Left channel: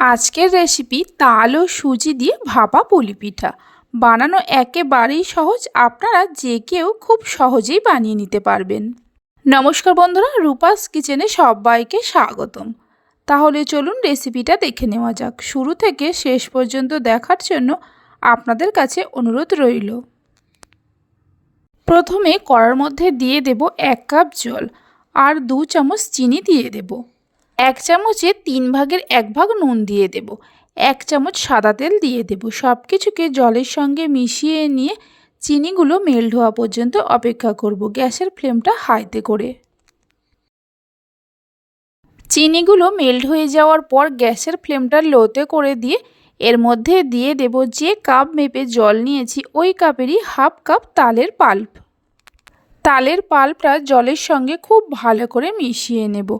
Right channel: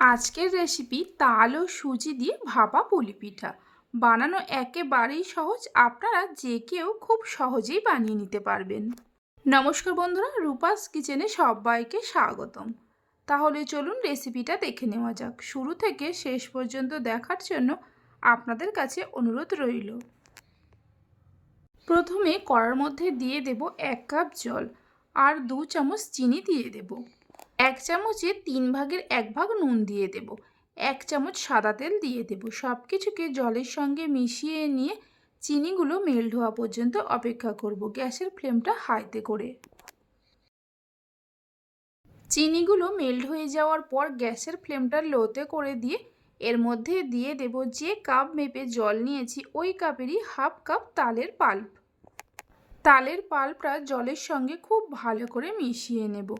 আজকের রেসিপি তাল ও সুজি দিয়ে ভাপা পুলি পিঠা। বানানো একেবারেই সহজ, আপনারা যে কেউ খুব সহজেই বানিয়ে নিতে পারবেন। নমস্কার বন্ধুরা, রূপাস কিচেনে সবাইকে স্বাগতম। তাহলে চলুন রেসিপিটা দেখে নেওয়া যাক। শুরু থেকে শেষ পর্যন্ত দেখার জন্য আপনাদের কাছে অনুরোধ রইল। প্রথমে কড়ার মধ্যে দিয়ে দেব এক কাপ জল, আর দু চামচ চিনি দিয়ে দেব। এক চামচে তিন ভাগের এক ভাগ নুন দিয়ে দেব। এক চামচ সাদা তেল দিয়ে দেব। সব কিছুকে জলের সঙ্গে মিশিয়ে নিয়ে চিনিগুলো মেল্ট হওয়া পর্যন্ত অপেক্ষা করব গ্যাসের ফ্লেমটা হাইতে করে। চিনিগুলো মেল্ট হয়ে যাওয়ার পর গ্যাসের ফ্লেমটা লোতে করে দিয়ে এর মধ্যে দিয়ে দেব যে কাপ মেপে জল নিয়েছি, ওই কাপেরই হাফ কাপ তালের পাল্প তালের পাল্পটা জলের সঙ্গে খুব ভালো করে মিশিয়ে নেব।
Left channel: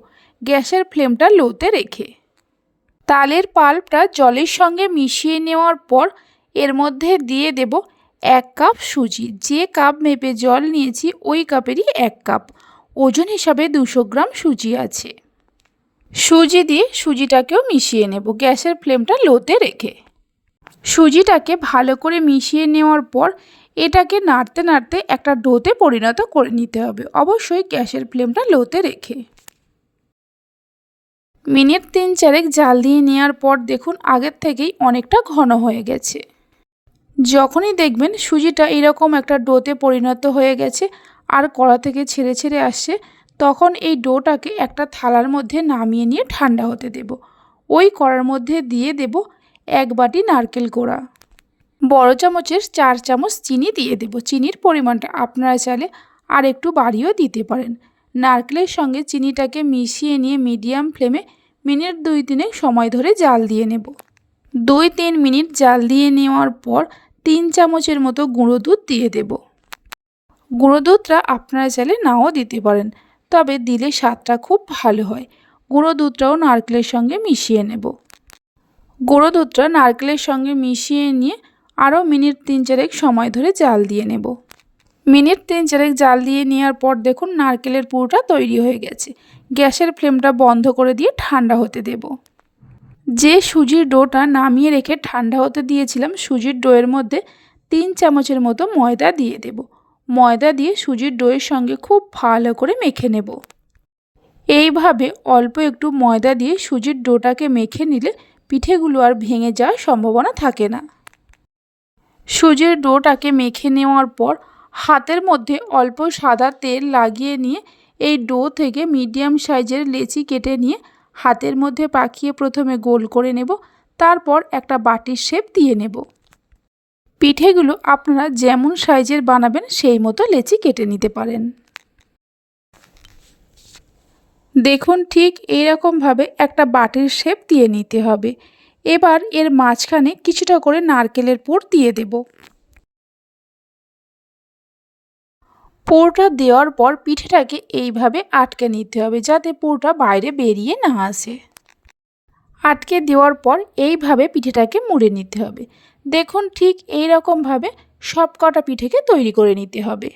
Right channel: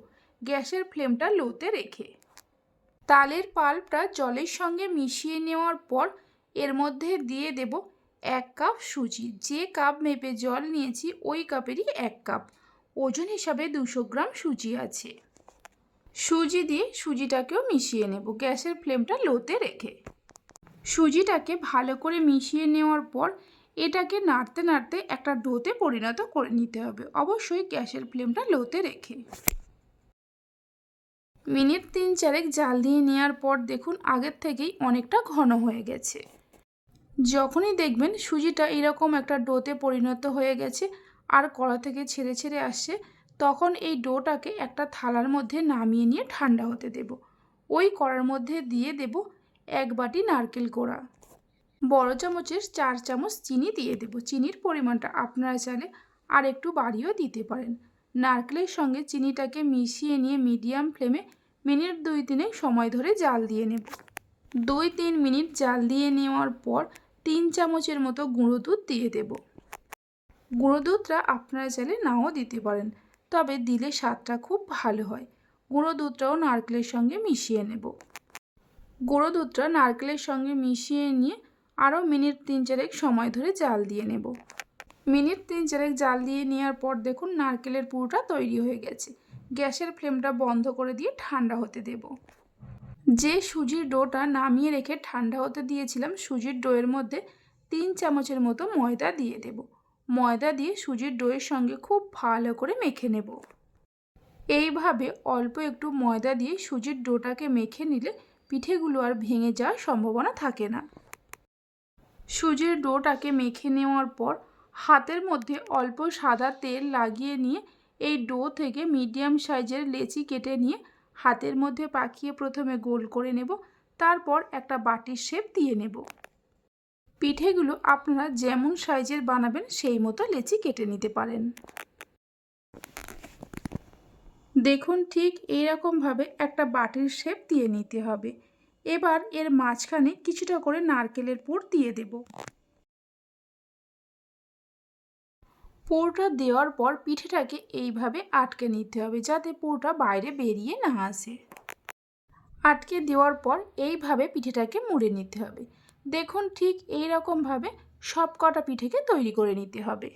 গ্যাসের ফ্লেমটা লোতে রেখে। তালের পাল্পটা জলের সঙ্গে মিশিয়ে নেওয়ার পর এর মধ্যে দিয়ে দেব এক কাপ সুজি। যে কাপ মেপে জল নিয়েছি, ওই কাপেরই এক কাপ। ওজন হিসাবে দুশো গ্রাম সুজি আছে। সুজি দিয়ে সুজিটাকেও মিশিয়ে নেব গ্যাসের ফ্লেমটা লোতে রেখে। সুজিটাকে ভালো করে মিশিয়ে নেওয়ার পর এটাকে নাড়তে নাড়তে একটা ডোতে পরিণত করে নিতে হবে। অবশ্যই গ্যাসের ফ্লেমটা লোতে রেখে। মিনিট তিন চারেক জাল দিয়ে নেওয়ার পর দেখুন আগের থেকেই অনেকটা ঘন হয়ে গেছে। যখনই দেখবেন সুজিটা এরকম একটা ডোতে পরিণত হয়ে গেছে আর কড়া থেকে ছেড়ে ছেড়ে আসছে, তখন এই ডোটাকে একটা থালার মধ্যে নামিয়ে নিয়ে ঠান্ডা হতে দেব। ওই কড়ার মধ্যে দিয়ে দেব এক বাটি নারকেল কোড়া। বড় চামচের চার চামচ চিনি দিয়ে দেব। চিনির পরিমাণটা আপনারা চাইলে আর একটু বাড়িয়েও দিতে পারেন। নারকেলের সঙ্গে চিনিটাকে মিশিয়ে নিয়ে মিডিয়াম ফ্লেমে মিনিট দুই তিনেক সময় ধরে জাল দিয়ে নেব। দুই তিন মিনিট জাল দিয়ে নেওয়ার পর তিন চামচের মতো গুঁড়ো দুধ দিয়ে দেব। গুঁড়ো দুধটা আপনারা চাইলে নাও দিতে পারেন, তবে দিলে স্বাদটা খুব ভালো হয়। গুঁড়ো দুধটাও নারকেলের সঙ্গে মিশিয়ে নেব। গুঁড়ো দুধটা নারকেলের সঙ্গে মিশিয়ে নিয়ে আরও মিনিট তিন চারেক সময় ধরে জাল দিয়ে নেব। মিনিট তিন চারেক জাল দিয়ে নেওয়ার পর দেখুন নারকেলের পুরোটা তৈরি হয়ে গেছে। গ্যাসের ফ্লেমটা বন্ধ করে দিয়ে ঠান্ডা হতে দেব। যে সুজির ডোটা নামিয়ে রেখে ঠান্ডা হতে দিয়েছিলাম, সুজির ডোয়ের মধ্যে তিন চামচের মতো ময়দা দিয়ে দেব। ময়দা দিয়ে সুজির ডোয়ের সঙ্গে খুব ভালো করে মেখে নেব। এইভাবে অল্প একটু ময়দা দিয়ে সুজির ডোটাকে মেখে নিলে পিঠেগুলো আর ভেঙে যাওয়ার সম্ভাবনা থাকে না। সুজির ডোটাকে মেখে নেওয়ার পর হাতের মধ্যে অল্প সাদা তেল লাগিয়ে নিয়ে এই ডো থেকে মিডিয়াম সাইজের লেচি কেটে নিয়ে হাতের মধ্যে পাকিয়ে প্রথমে গোল করে নেব, তারপর একটা বাটির শেপ দিয়ে নেব। পিঠেগুলো আপনারা যেমন সাইজের বানাবেন সেই মতো লেচি কেটে নিতে পারেন। দেখুন ঠিক এইরকমভাবে একটা বাটির শেপ দিয়ে নিতে হবে। এবার এর মাঝখানে কিছুটা করে নারকেলের পুর দিয়ে দেব। পুরটা দেওয়ার পর পিঠেটাকে এইভাবে আটকে নিতে হবে যাতে পুরটা বাইরে বেরিয়ে না আসে। আটকে দেওয়ার পর এইভাবে পিঠেটাকে মুড়ে নিতে হবে। দেখুন ঠিক এই রকমভাবে সব কটা পিঠেকে তৈরি করে নিতে হবে।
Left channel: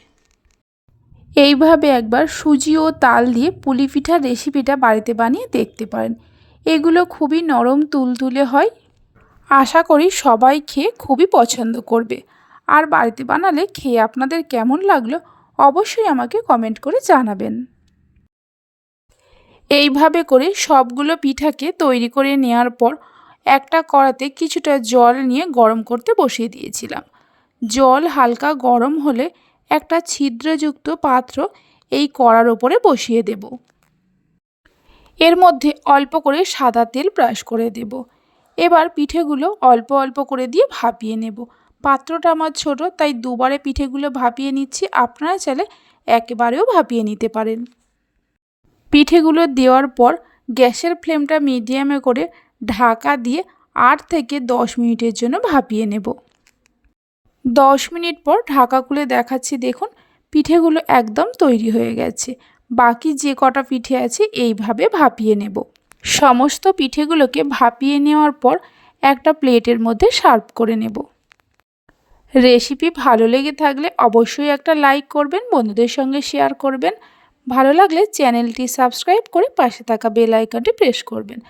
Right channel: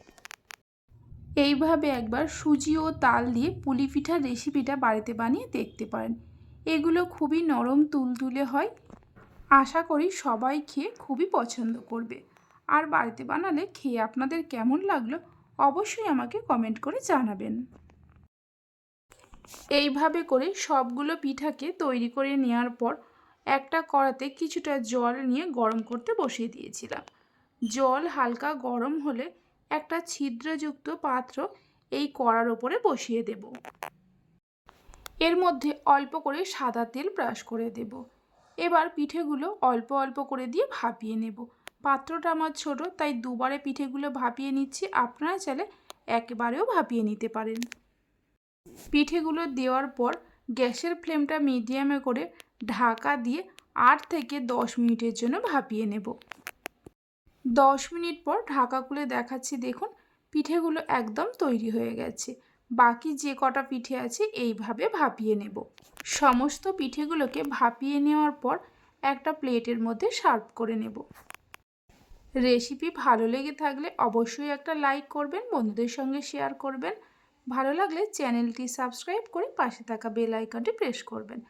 এইভাবে একবার সুজি ও তাল দিয়ে পুলি পিঠার রেসিপিটা বাড়িতে বানিয়ে দেখতে পারেন। এগুলো খুবই নরম তুলতুলে হয়। আশা করি সবাই খেয়ে খুবই পছন্দ করবে। আর বাড়িতে বানালে খেয়ে আপনাদের কেমন লাগল অবশ্যই আমাকে কমেন্ট করে জানাবেন। এইভাবে করে সবগুলো পিঠাকে তৈরি করে নেওয়ার পর একটা কড়াতে কিছুটা জল নিয়ে গরম করতে বসিয়ে দিয়েছিলাম। জল হালকা গরম হলে একটা ছিদ্রযুক্ত পাত্র এই কড়ার ওপরে বসিয়ে দেব। এর মধ্যে অল্প করে সাদা তেল ব্রাশ করে দেব। এবার পিঠেগুলো অল্প অল্প করে দিয়ে ভাপিয়ে নেব। পাত্রটা আমার ছোট, তাই দুবারে পিঠেগুলো ভাপিয়ে নিচ্ছি। আপনারা চাইলে একবারেও ভাপিয়ে নিতে পারেন। পিঠেগুলো দেওয়ার পর গ্যাসের ফ্লেমটা মিডিয়ামে করে ঢাকা দিয়ে আট থেকে দশ মিনিটের জন্য ভাপিয়ে নেব। দশ মিনিট পর ঢাকা খুলে দেখাচ্ছি, দেখুন পিঠেগুলো একদম তৈরি হয়ে গেছে। বাকি যে কটা পিঠে আছে এইভাবে ভাপিয়ে নেব। সমস্ত পিঠেগুলোকে ভাপিয়ে নেওয়ার পর একটা প্লেটের মধ্যে সার্ভ করে নেব। রেসিপি ভালো লেগে থাকলে অবশ্যই একটা লাইক করবেন, বন্ধুদের সঙ্গে শেয়ার করবেন। ভালো লাগলে চ্যানেলটি সাবস্ক্রাইব করে পাশে থাকা বেল আইকনটি প্রেস করবেন।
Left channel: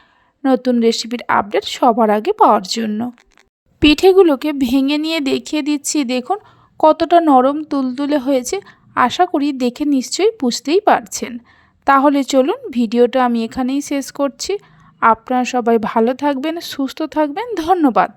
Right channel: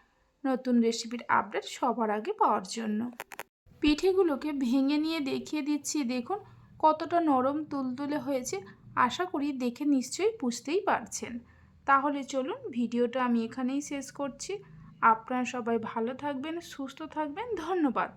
নতুন রেসিপির আপডেট সবার আগে পাওয়ার জন্য। পিঠেগুলোকে ভেঙে নিয়ে দেখিয়ে দিচ্ছি। দেখুন, কতটা নরম তুলতুলে হয়েছে। আশা করি দেখে নিশ্চয়ই বুঝতেই পারছেন। তাহলে চলুন, ভিডিওটা আমি এখানেই শেষ করছি। আপনারা সবাই ভালো থাকবেন, সুস্থ থাকবেন। ধন্যবাদ।